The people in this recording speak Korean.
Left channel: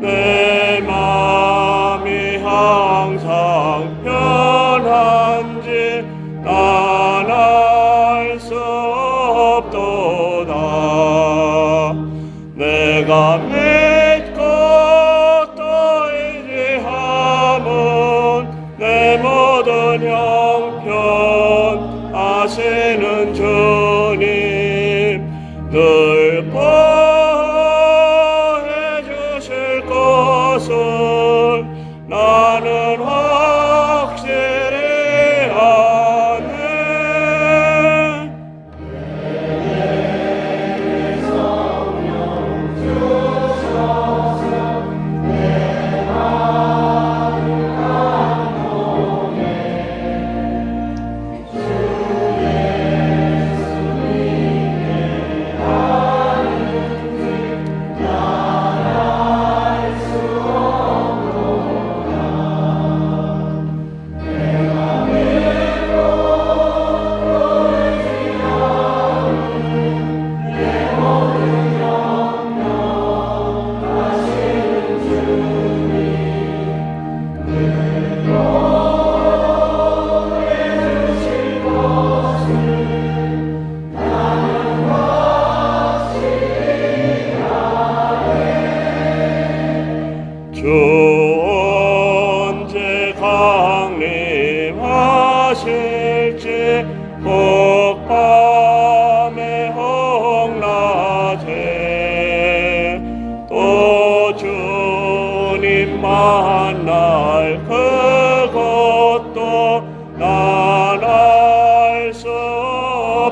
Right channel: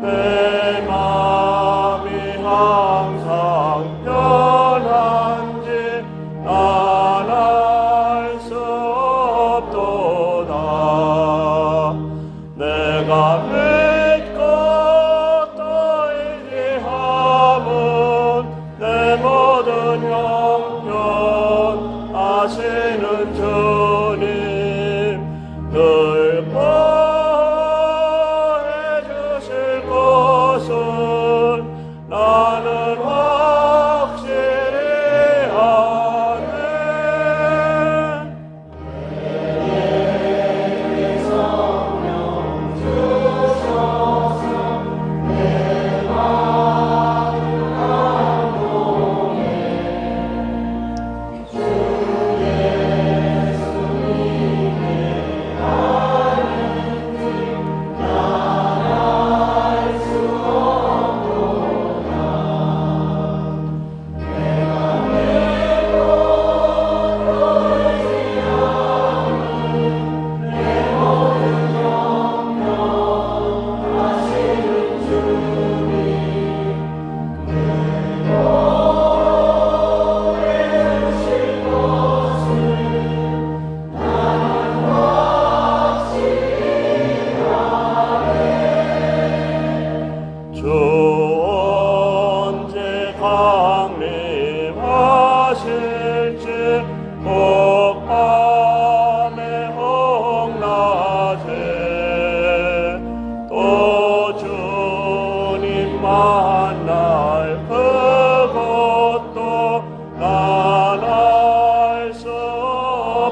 내 마음이 항상 편한지 난알수 없도다.